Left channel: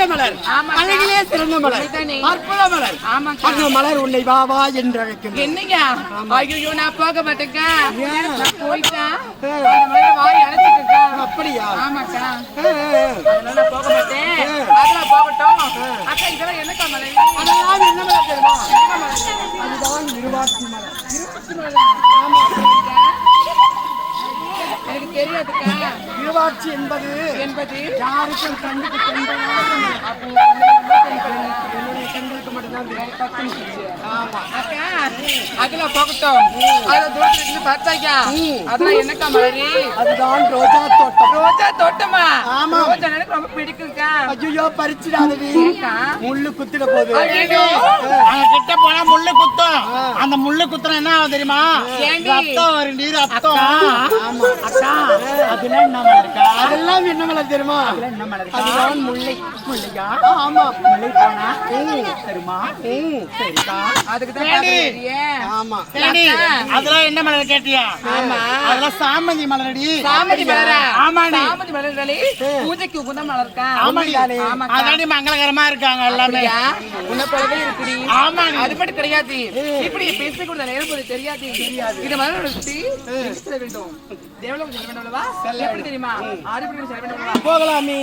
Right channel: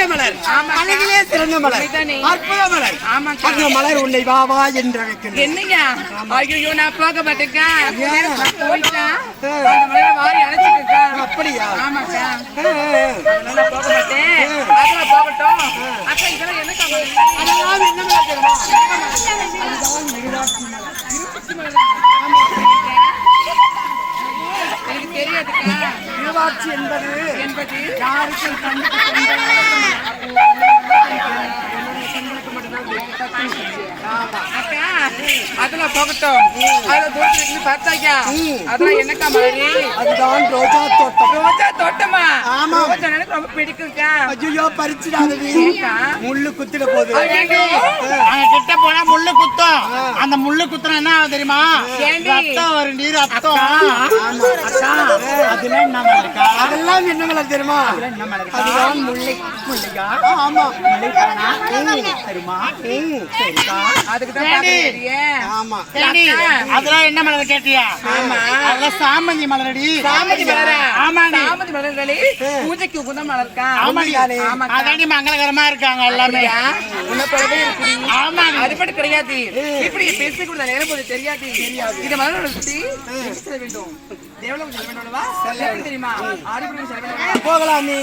அழகிய மலர், அழகிலே சிறந்த மலர், அற்புத மலர். அந்த மலர் உன்னை வா வா என்று அழைக்கின்றது. என்னங்க? ஐயோ நான் போக மாட்டேங்க. நான் போயிட்டா அந்த மலரை வாரி அழைச்சிருக்கா. அப்படியா? ஆமாக்கா. அதனால போக மாட்டேன். அதெல்லாம் போகட்டும். அக்கா இதெல்லாம் என்னக்கா மலர்? அதெல்லாம் என்ன மலர் தெரியுமா? அதுதான் இருவாட்சி மலர். இருவாட்சி மலர். ஆமா. எனக்கு தெரியாதுக்கா. இருவாட்சி என்பது யாருக்கும் கண்ணுக்கு தென்படாத மலர். என்னுடைய கண்களுக்கு மட்டும்தான் தெரியும். ஆமா. அக்கா அதெல்லாம் போகட்டும். அதெல்லாம் தூரத்துல இருந்து பார்த்தாக்கா அதெல்லாம் என்னக்கா மலரு? அதுதான் ரோஜா தோட்டம். ரோஜா தோட்டமா? ஆமா. ரோஜா எனக்கு ரொம்ப பிடிக்கும்க்கா. ஐயோ பறிச்சுடாதவி, முள்ளு குத்திட போகுது. ஐயோ அங்க கிட்ட போனா முள்ளு குத்தும். அந்த முள்ளு குத்துறா என்ன ஆகும் தெரியுமா? ரத்தம் வரும். நீர் ரத்தம். ஆமா அக்கா அதெல்லாம் என்ன மலர் இருக்கா? அதெல்லாம் என்ன மலர் தெரியுமா? என்ன மலர்? அதுதான் முல்லை. முள்ளையா? ஆமா. முல்லை போனா தருமா? சரிக்கா. அதுக்கு தான் பாக்குறேன். ஆமா. அதெல்லாம் என்ன மலர் கேட்டியா? ஆமா. அதெல்லாம் சாமந்தி மலரடி. சாமந்தி மலரா? ஆமாடி. சாமந்தி மலர்களே பூஜைக்கு உகந்த மலர்க்கா. ஆமாடி. அதாண்டி மங்களகரமா இருக்காங்க எல்லாமே. உன்னை போலவே இருக்குது. ஆமாடி. அது மட்டும் கிடையாது. இப்படி பேசி கூட நேரம் போது தெரியாது. இந்த மலர்களை சுத்தி செல்ல வேண்டும். தேவலோகம் செல்ல வேண்டும் அல்லவா? எப்படி தெரியுமா? ஆதிபுரம் செல்ல வேண்டும் அல்லவா? போகலாம் நீ.